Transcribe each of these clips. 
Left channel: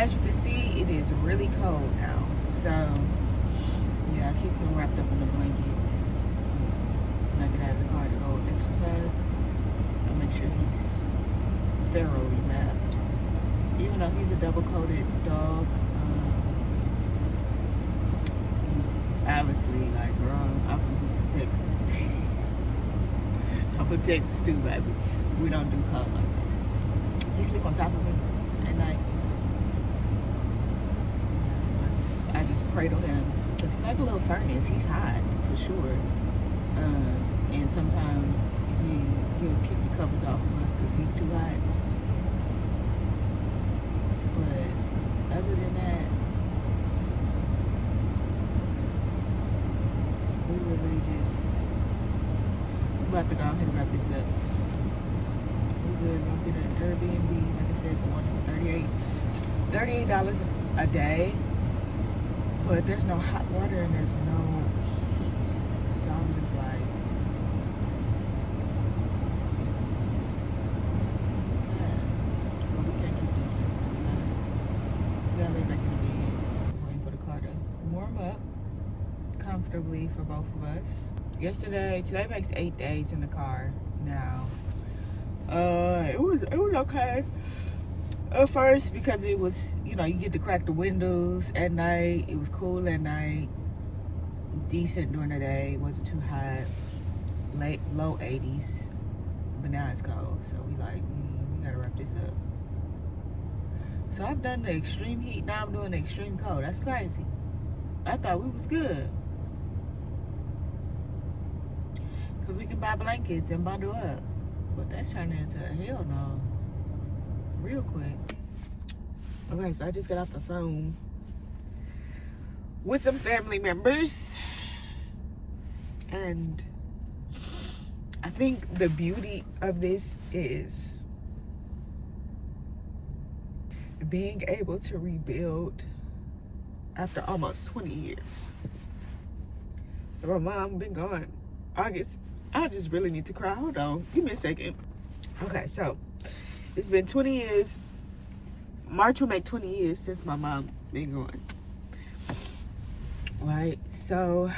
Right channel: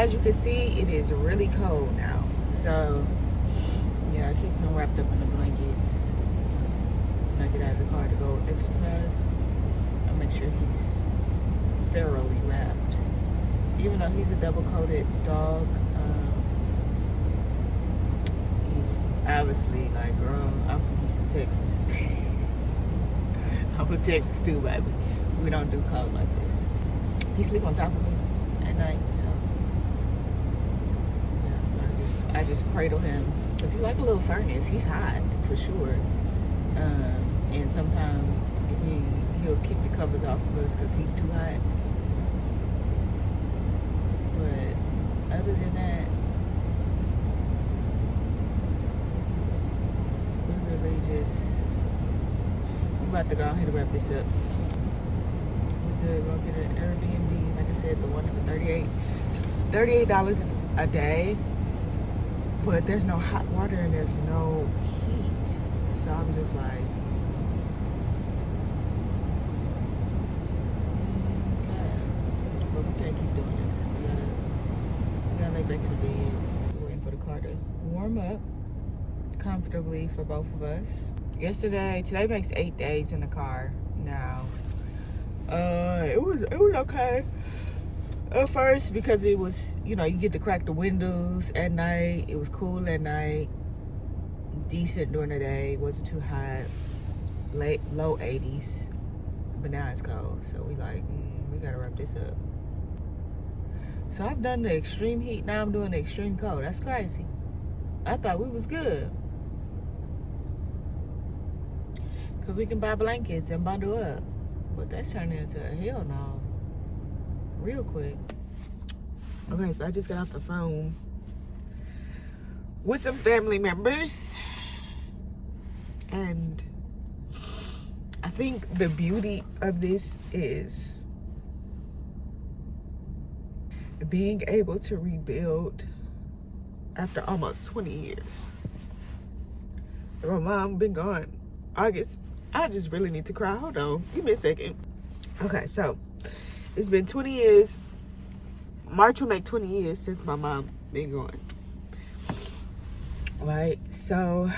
as you can see, it is really cold now. So, yeah, I keep him wrapped up in the blankets. When I get out of the car to go exercise, I'll make sure he's thoroughly wrapped. Even though he's a double-coated dog, he's obviously like grown. I'm from Houston, Texas. I'm from Texas too, baby. We don't do cold like this. He sleep on top of me at night, so yeah, I just cradle him because he's like a little furnace. He's hot for sure, and sometimes he'll kick the covers off of us because he's too hot. But other than that, we really we're about to go ahead and wrap this up. We're good. We're gonna get an Airbnb, like I said, the one for $38 a day. But there's no hot water and there's no heat. So I'm just like, God, but we can't keep doing this. We gotta lay back in the bed, waiting for the car to warm up comfortably for both of us. Today makes 8 days in the car now. It was okay at first because it was, you get to crack the windows at night. It was cool at night, decent during the day, wasn't too hot, low 80s, but now it's cold. So we gotta wrap this up. So I've done the extreme heat, now I'm doing the extreme cold. That's crazy. I thought we was good. Because we can buy blankets and bundle up. But that's turning into a hell no. Real quick. Okay, so I just got off the phone with some family members. And I think the beauty of this is being able to rebuild after almost 20 years. So my mom been gone August. I just really need to cry. Hold on. Give me a second. Okay, so it's been 20 years. March will make 20 years since my mom been gone. Right? So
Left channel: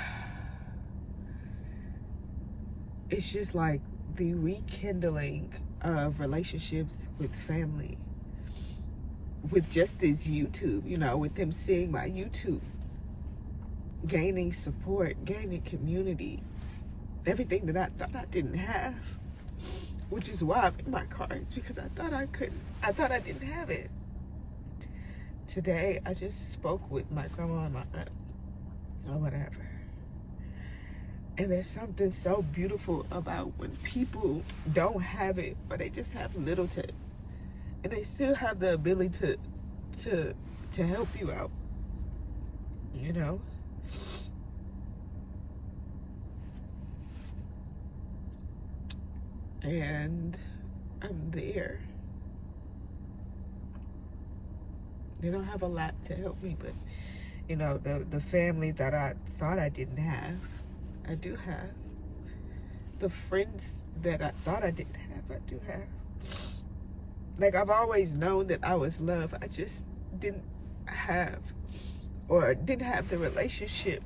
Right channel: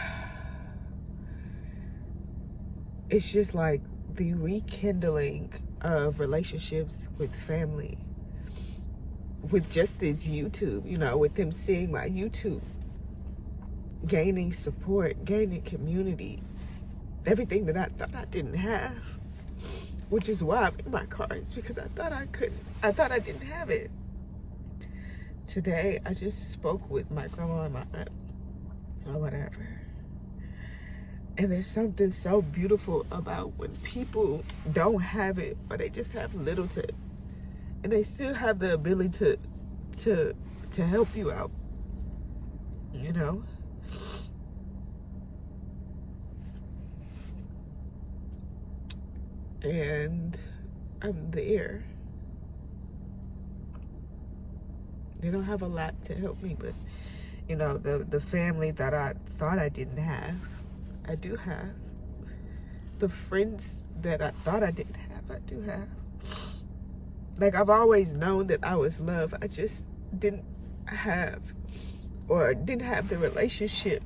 it's just like the rekindling of relationships with family. With just this YouTube, with them seeing my YouTube. Gaining support, gaining community. Everything that I thought I didn't have, which is why I'm in my car, is because I thought I didn't have it. Today, I just spoke with my grandma and my aunt, or whatever. And there's something so beautiful about when people don't have it, or they just have little to, and they still have the ability to help you out, And I'm there. They don't have a lot to help me, but the family that I thought I didn't have, I do have. The friends that I thought I didn't have, I do have. Like, I've always known that I was loved. I just didn't have the relationship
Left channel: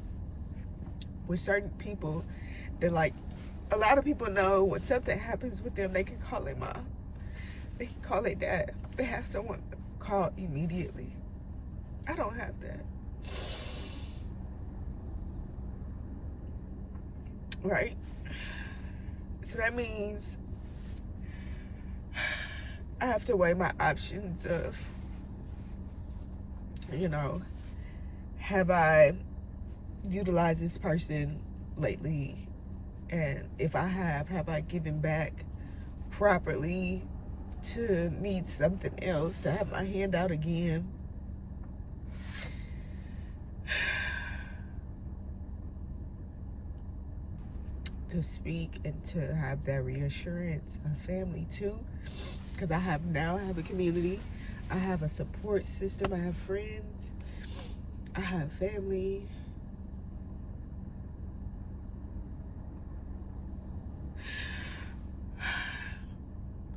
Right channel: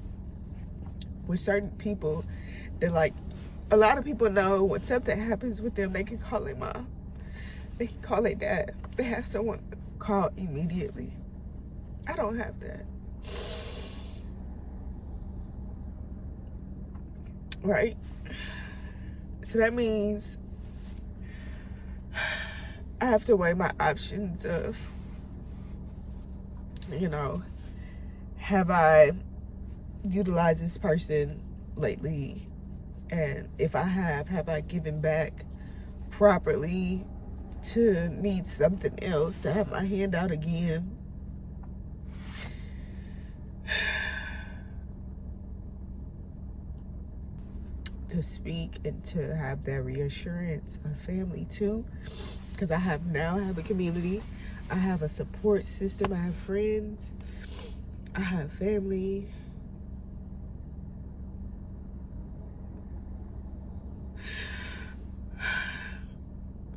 with certain people that, like, a lot of people know when something happens with them, they can call their mom. They can call their dad. They have someone call immediately. I don't have that. Right? So that means I have to weigh my options of, have I utilized this person lately? And if I have I given back properly to need something else, to have my hand out again? To speak and to have that reassurance of family too. Because I have a community. I have a support system. I have friends. I have family.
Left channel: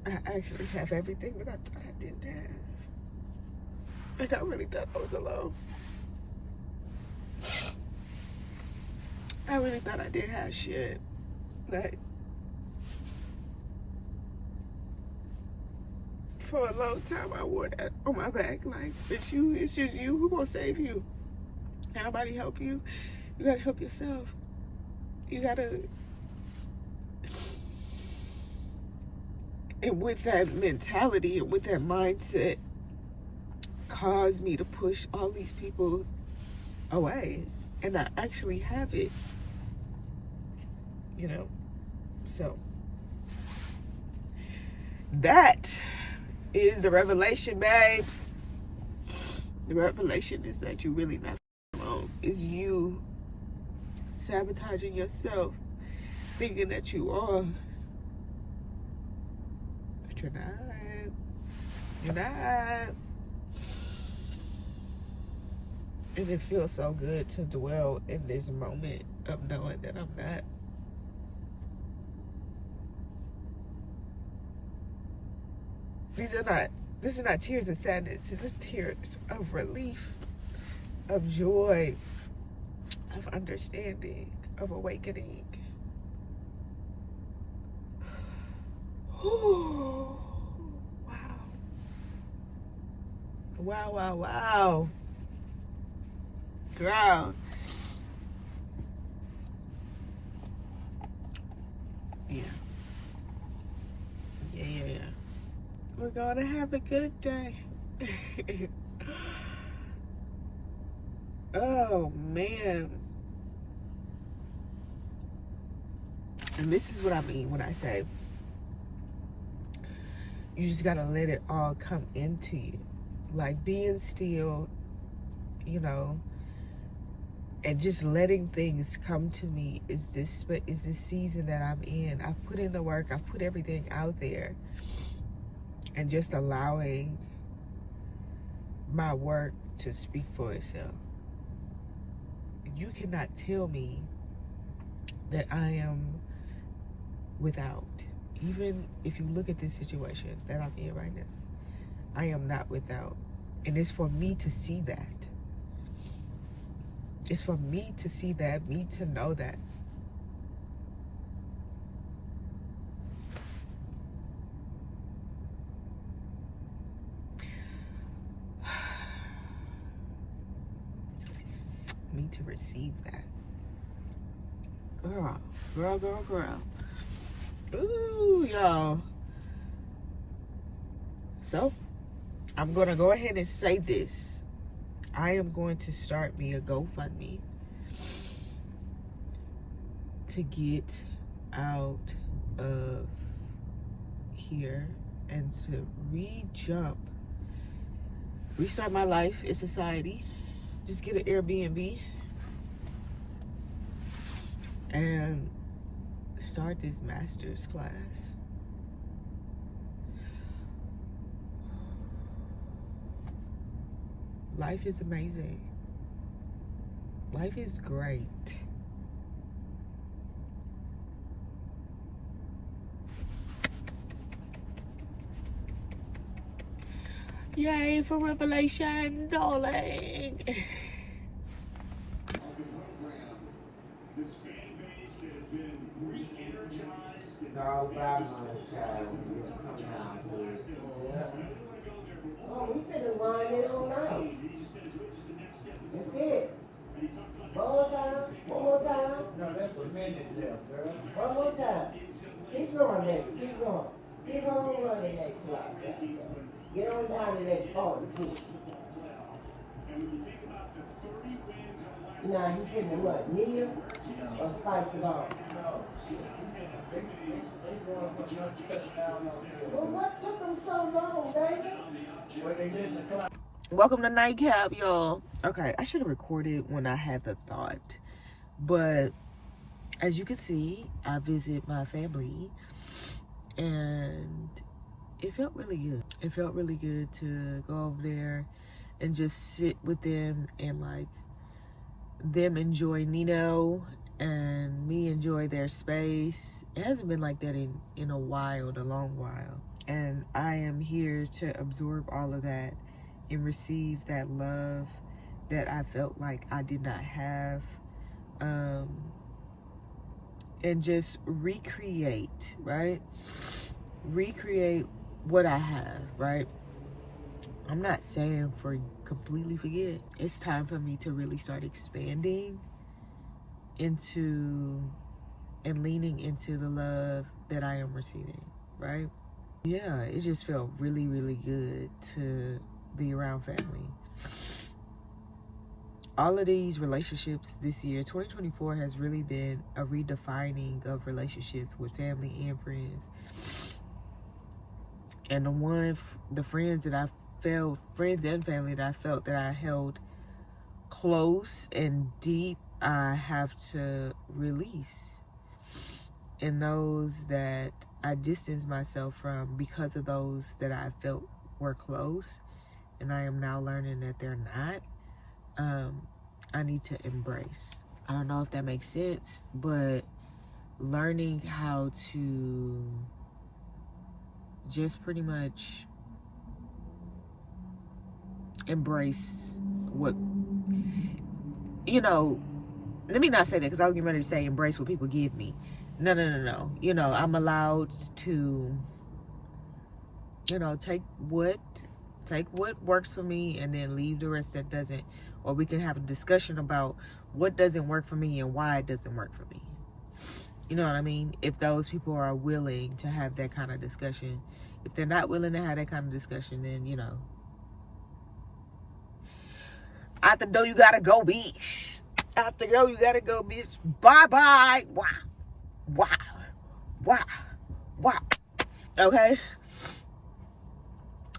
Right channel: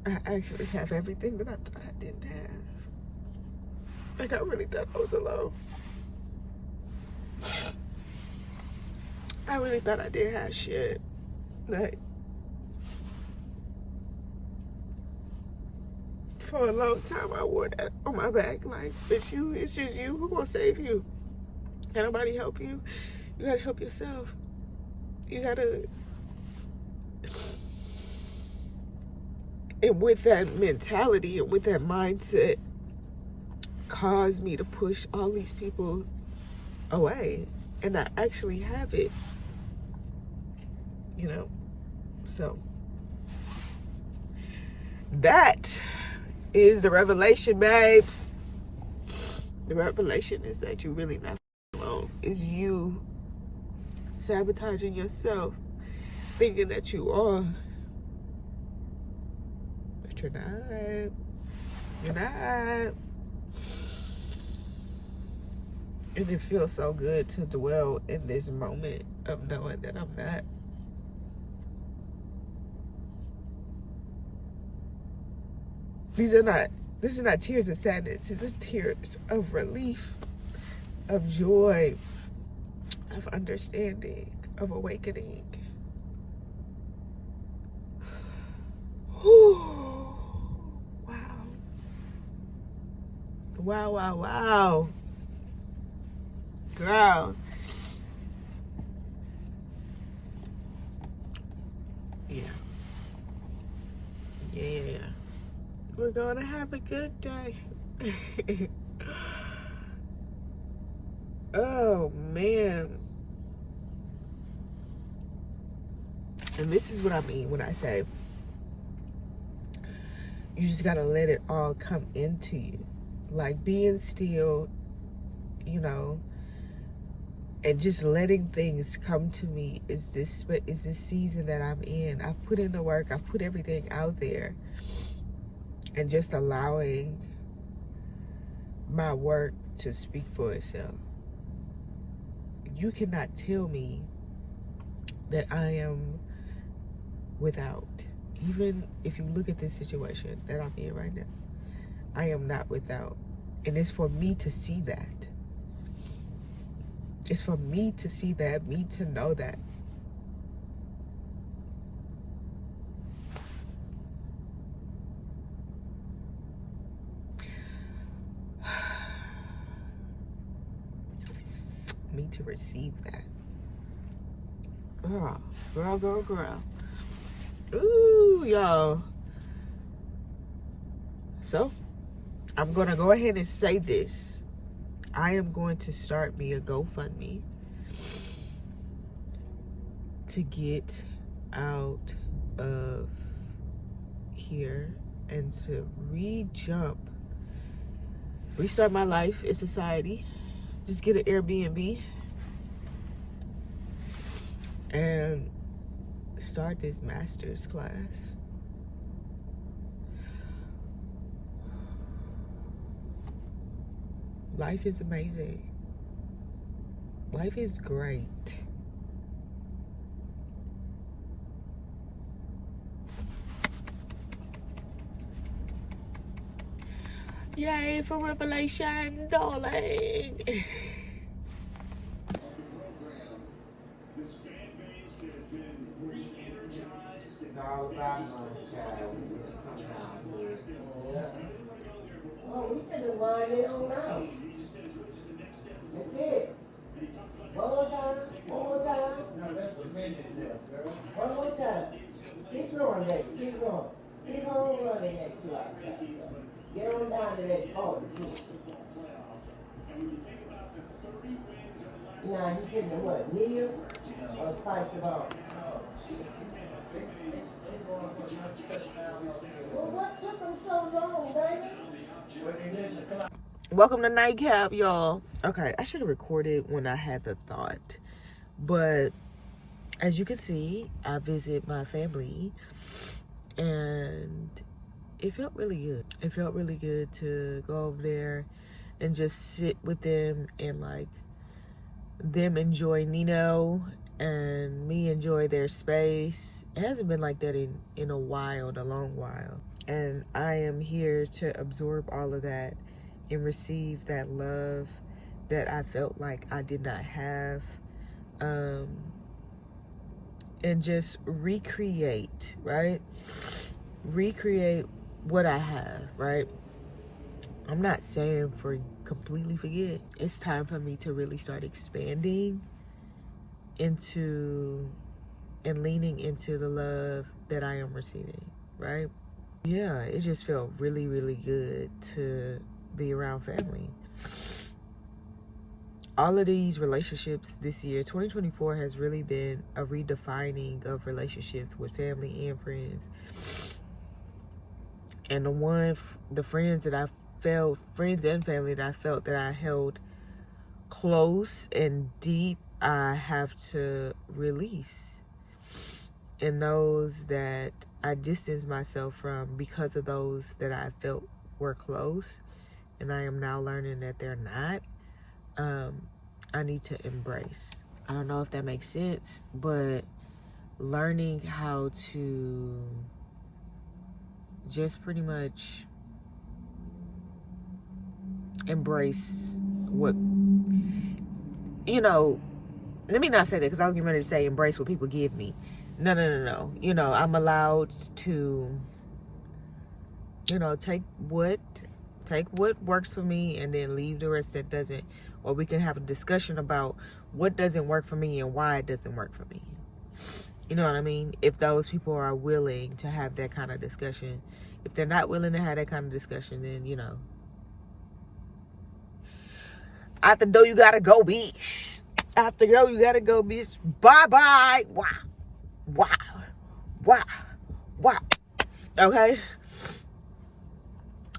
I actually have everything that I thought I didn't have. Like, I really thought I was alone. I really thought I didn't have shit. Like, for a long time, I wore that on my back. Like, it's you, it's just you. Who gonna save you? Can nobody help you? You gotta help yourself. You gotta. And with that mentality and with that mindset, caused me to push all these people away and not actually have it. You know? So, that is the revelation, babes. The revelation is that you're really not alone. It's you sabotaging yourself, thinking that you are. But you're not. You're not. And it feels so good to dwell in this moment of knowing that I'm not. This is not tears of sadness. These are tears of relief, of joy, of understanding, of awakening. Wow. Wow, wow, wow. Girl. Yeah. Yeah. We're gonna have a good day. Oh, man. And this is what I mean when I say you just gotta let it all come into you. Like being still, you know, and just letting things come to me is this season that I'm in. I've put in the work. I've put everything out there. And just allowing my work to speak for itself. You cannot tell me that I am without. Even if you look at this situation that I'm in right now, I am not without. And it's for me to see that. It's for me to see that, me to know that. Me to receive that. Girl. Ooh, y'all. So, I'm going to go ahead and say this. I am going to start me a GoFundMe to get out of here and to restart my life in society. Just get an Airbnb and start this master's class. Life is amazing. Life is great. Yay for revelation, darling. This fan base that has been re-energized. It's all about my child. Oh, we finna run it on now. That's it. One more time. No, that's a minute left, girl. One more time. Keep going, baby. Keep going. Keep on running that clock. Get on down to that 40. Now, he said what? Kneel or spike the ball? Well, what took them so long, baby? Welcome to Nightcap, y'all. Okay, I should have recorded when I had the thought. But as you can see, I visit my family and it felt really good. It felt really good to go over there and just sit with them and like them enjoy Nino and me enjoy their space. It hasn't been like that in a long while. And I am here to absorb all of that and receive that love that I felt like I did not have, and just recreate, right? Recreate what I have, right? I'm not saying for completely forget. It's time for me to really start expanding into and leaning into the love that I am receiving, right? Yeah, it just felt really, really good to be around family. All of these relationships this year, 2024, has really been a redefining of relationships with family and friends. And the friends that I felt, friends and family that I felt that I held close and deep, I have to release. And those that I distanced myself from because of those that I felt were close, and I am now learning that they're not, I need to embrace. I don't know if that makes sense, but learning how to just pretty much embrace what, let me not say that, because I was getting ready to say embrace what people give me. No. I'm allowed to, take what works for me and then leave the rest that doesn't. Or we can have a discussion about what doesn't work for me and why it doesn't work for me. You know what I mean? If those people are willing to have that kind of discussion. If they're not willing to have that kind of discussion, then, out the door you gotta go, bitch. Out the door you gotta go, bitch. Bye-bye. Wow. Okay?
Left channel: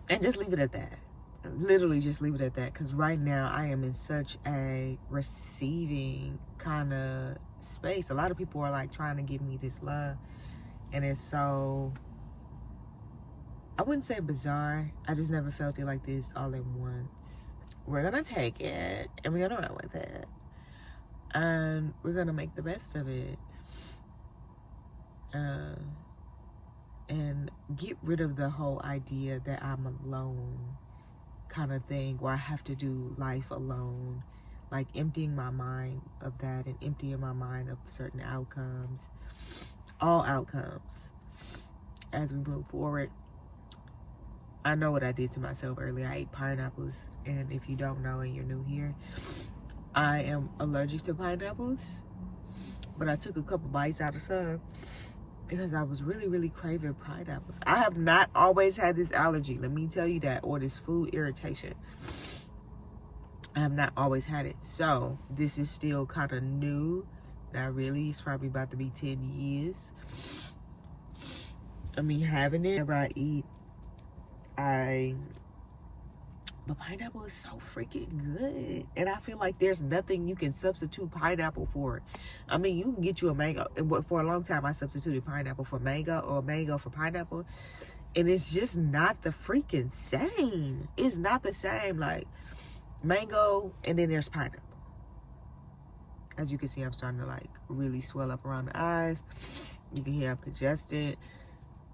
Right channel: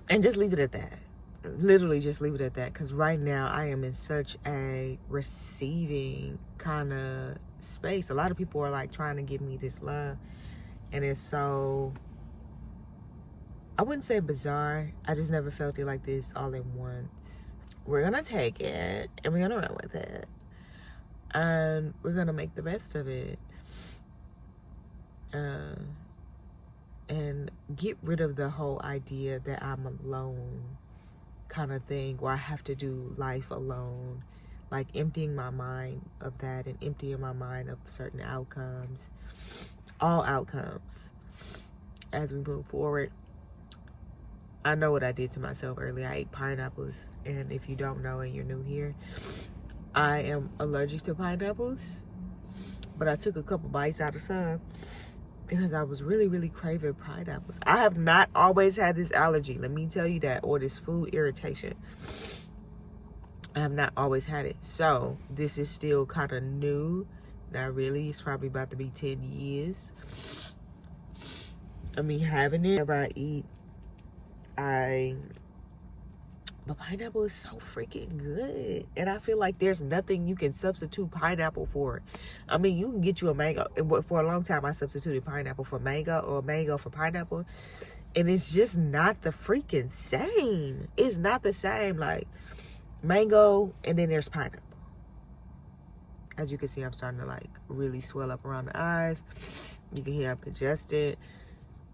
And just leave it at that. Literally just leave it at that. Because right now I am in such a receiving kind of space. A lot of people are like trying to give me this love. And it's so, I wouldn't say bizarre. I just never felt it like this all at once. We're going to take it and we're going to run with it. And we're going to make the best of it. And get rid of the whole idea that I'm alone kind of thing, where I have to do life alone. Like emptying my mind of that and emptying my mind of certain outcomes. All outcomes. As we move forward. I know what I did to myself earlier. I ate pineapples. And if you don't know and you're new here, I am allergic to pineapples. But I took a couple bites out of some because I was really, really craving pineapples. I have not always had this allergy, let me tell you that, or this food irritation. I have not always had it. So this is still kind of new. Not really. It's probably about to be 10 years of me having it. Whenever I eat, but pineapple is so freaking good. And I feel like there's nothing you can substitute pineapple for. I mean, you can get you a mango. For a long time, I substituted pineapple for mango or mango for pineapple. And it's just not the freaking same. It's not the same. Like, mango and then there's pineapple. As you can see, I'm starting to, like, really swell up around the eyes. You can hear I'm congested.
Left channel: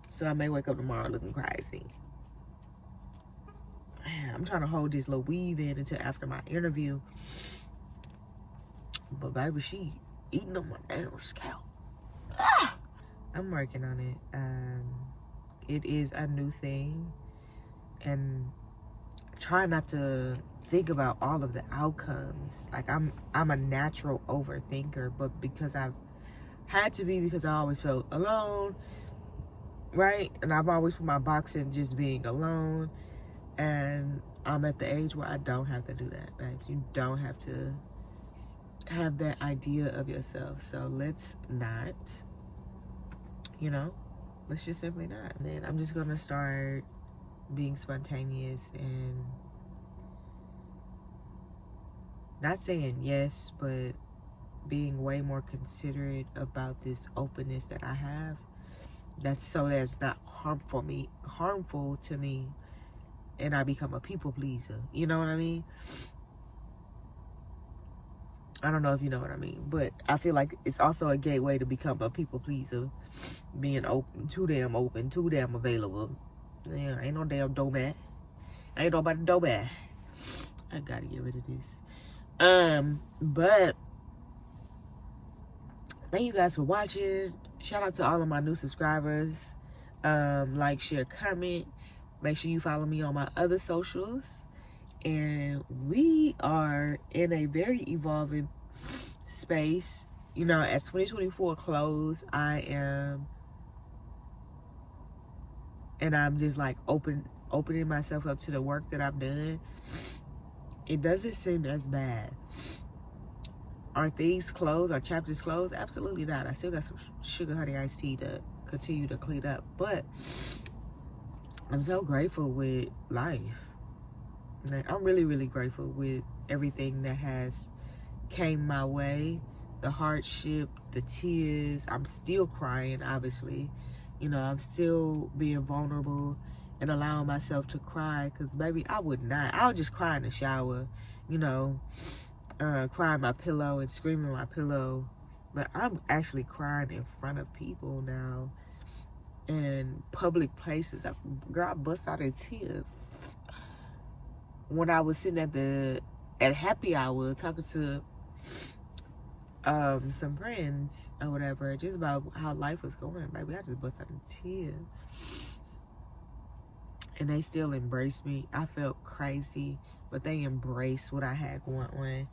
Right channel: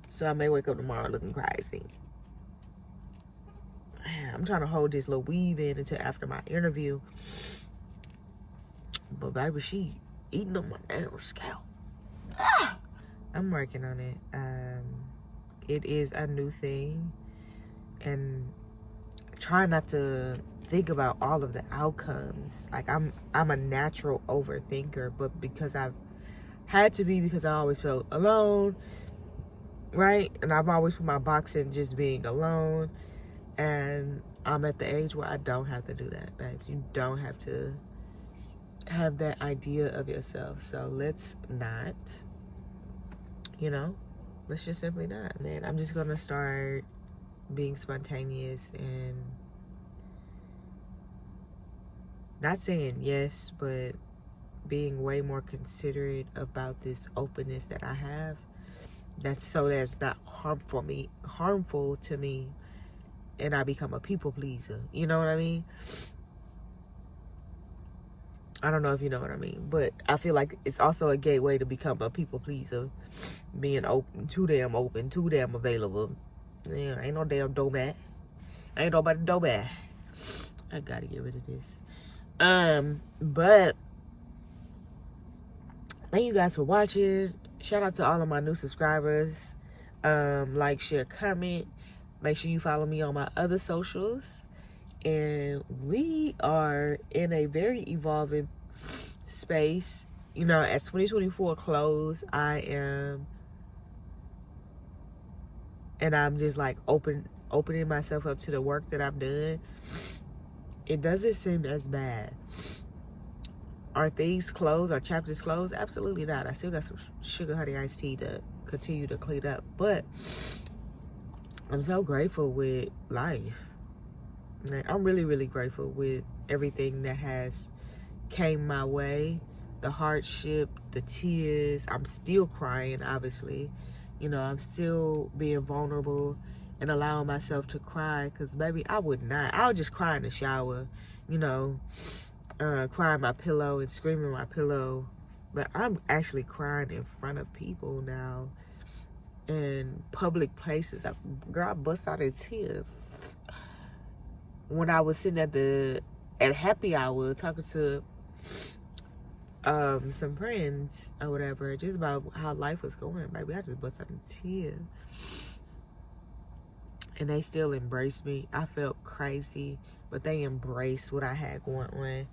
So I may wake up tomorrow looking crazy. I'm trying to hold this little weave in until after my interview. But baby, she eating up my damn scalp. I'm working on it. It is a new thing. And try not to think about all of the outcomes. Like I'm a natural overthinker, but because I've had to be, because I always felt alone, right? And I've always put my box in just being alone. And I'm at the age where I don't have to do that, babe. You don't have to have that idea of yourself. So let's not, let's just simply not. And then I'm just going to start being spontaneous and not saying yes, but being way more considerate about this openness that I have. That's not harmful to me. And I become a people pleaser. You know what I mean? I don't know if you know what I mean. But I feel like it's also a gateway to become a people pleaser. Being open, too damn available. Yeah, ain't no damn doormat. Ain't nobody doormat. I gotta get rid of this. But thank you guys for watching. Shout out to all of my new subscribers. Like, share, comment. Make sure you follow me on my other socials. And we are in a very evolving space. You know, as 2024 close, I'm just like opening myself up to the work that I've done. It doesn't seem as bad. Are things closed? Are chapters closed? Absolutely not. I still got some sugar honey iced tea to continue to clean up. But I'm so grateful with life. Like, I'm really, really grateful with everything that has came my way. The hardship, the tears. I'm still crying, obviously. You know, I'm still being vulnerable and allowing myself to cry. Because, baby, I would not. I would just cry in the shower, you know. Crying my pillow and screaming my pillow. But I'm actually crying in front of people now. In public places. Girl, I bust out in tears. When I was sitting at happy hour talking to some friends or whatever, just about how life was going, baby, I just bust out in tears. And they still embraced me. I felt crazy, but they embraced what I had going on.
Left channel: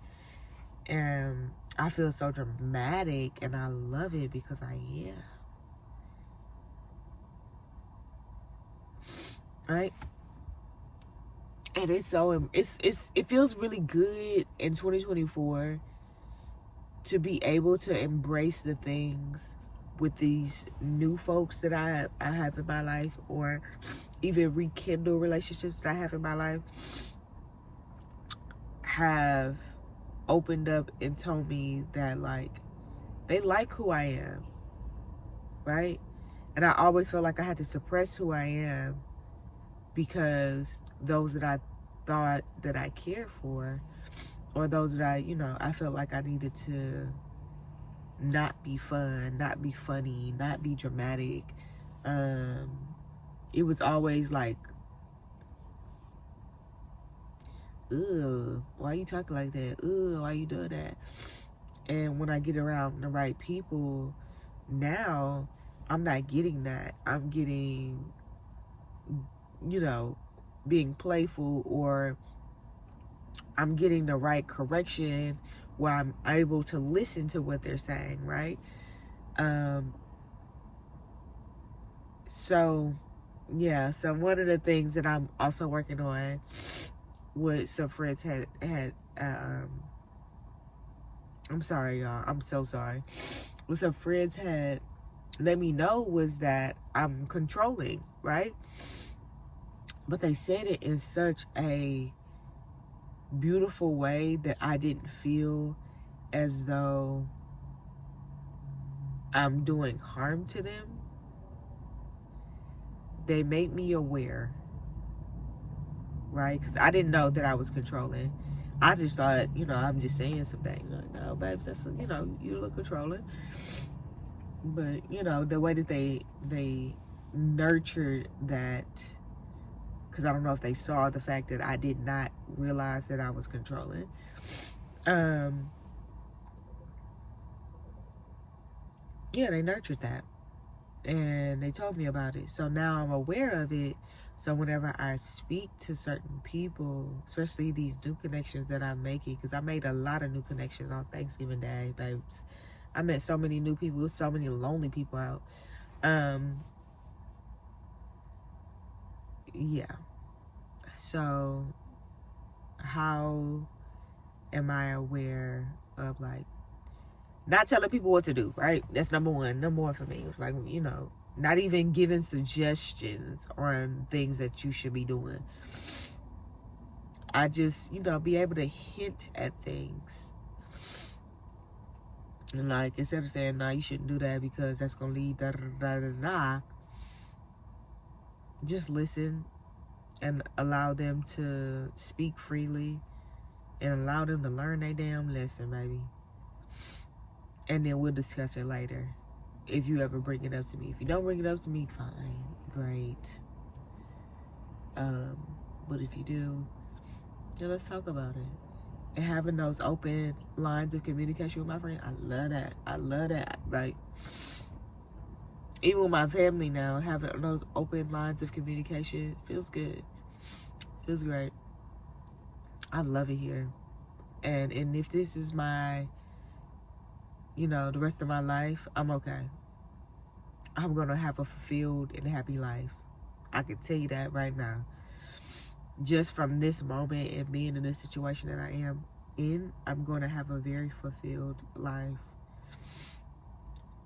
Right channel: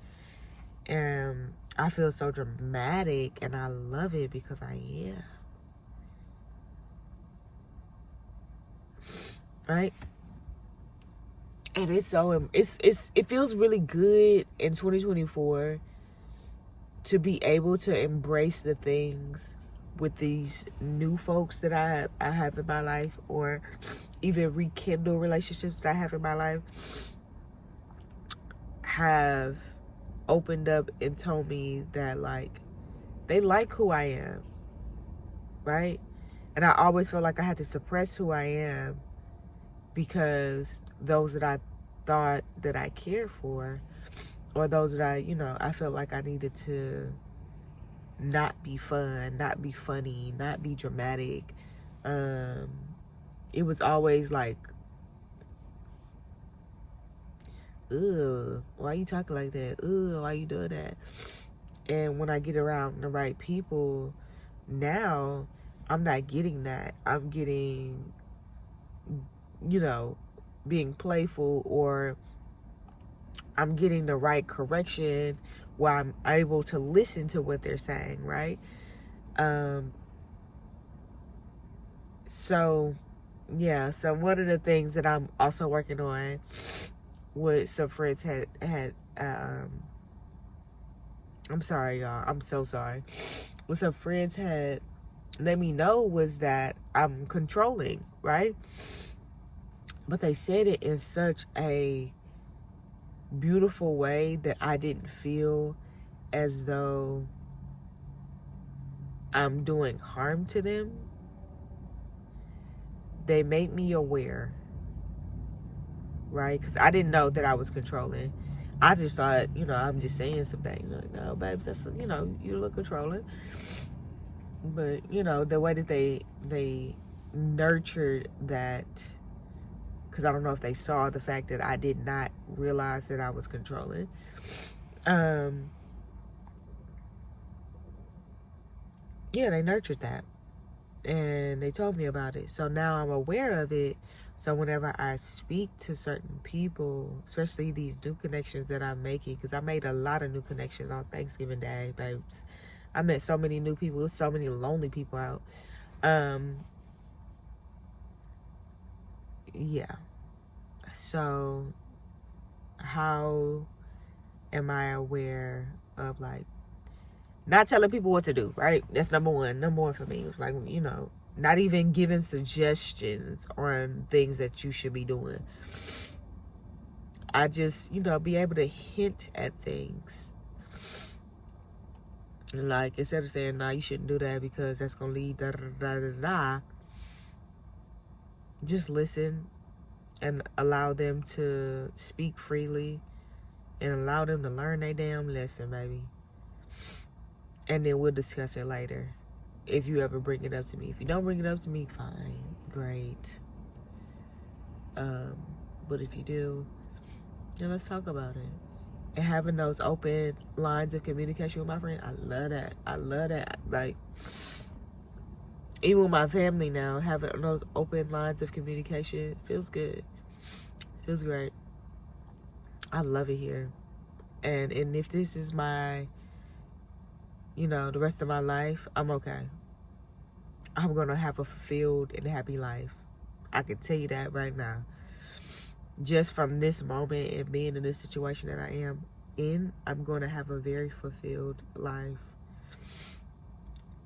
And I feel so dramatic, and I love it because I am. Right? And it feels really good in 2024 to be able to embrace the things with these new folks that I have in my life, or even rekindle relationships that I have in my life, have opened up and told me that, like, they like who I am, right? And I always felt like I had to suppress who I am because those that I thought that I cared for, or those that I felt like I needed to not be fun, not be funny, not be dramatic. It was always like, ugh, why you talking like that? Ugh, why you doing that? And when I get around the right people, now I'm not getting that. I'm getting, being playful, or I'm getting the right correction where I'm able to listen to what they're saying, right? So one of the things that I'm also working on, with some friends had I'm sorry, y'all. I'm so sorry. What some friends had let me know was that I'm controlling, right? But they said it in such a beautiful way that I didn't feel as though I'm doing harm to them. They made me aware, right? Because I didn't know that I was controlling. I just thought, I'm just saying some things. Like, no, babes, that's, you look controlling. But, the way that they nurtured that, because I don't know if they saw the fact that I did not realize that I was controlling. They nurtured that. And they told me about it. So now I'm aware of it. So whenever I speak to certain people, especially these new connections that I'm making, because I made a lot of new connections on Thanksgiving Day, babes. I met so many new people, so many lonely people out. So how am I aware of, like, not telling people what to do, right? That's number one. Number one for me. It was like, not even giving suggestions on things that you should be doing. I just, be able to hint at things. And, like, instead of saying, nah, you shouldn't do that because that's going to lead da-da-da-da-da, just listen and allow them to speak freely and allow them to learn their damn lesson, baby. And then we'll discuss it later. If you ever bring it up to me. If you don't bring it up to me, fine. Great. But if you do, And let's talk about it. And having those open lines of communication with my friend, I love that. I love that. Like, even with my family now, having those open lines of communication feels good. Feels great. I love it here. And if this is my, the rest of my life, I'm okay. I'm going to have a fulfilled and happy life. I can tell you that right now. Just from this moment and being in this situation that I am in, I'm going to have a very fulfilled life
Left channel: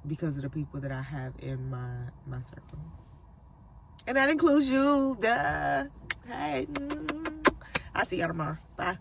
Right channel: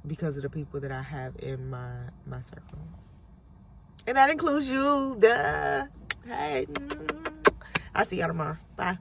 because of the people that I have in my circle. And that includes you. Duh. Hey. I'll see y'all tomorrow. Bye.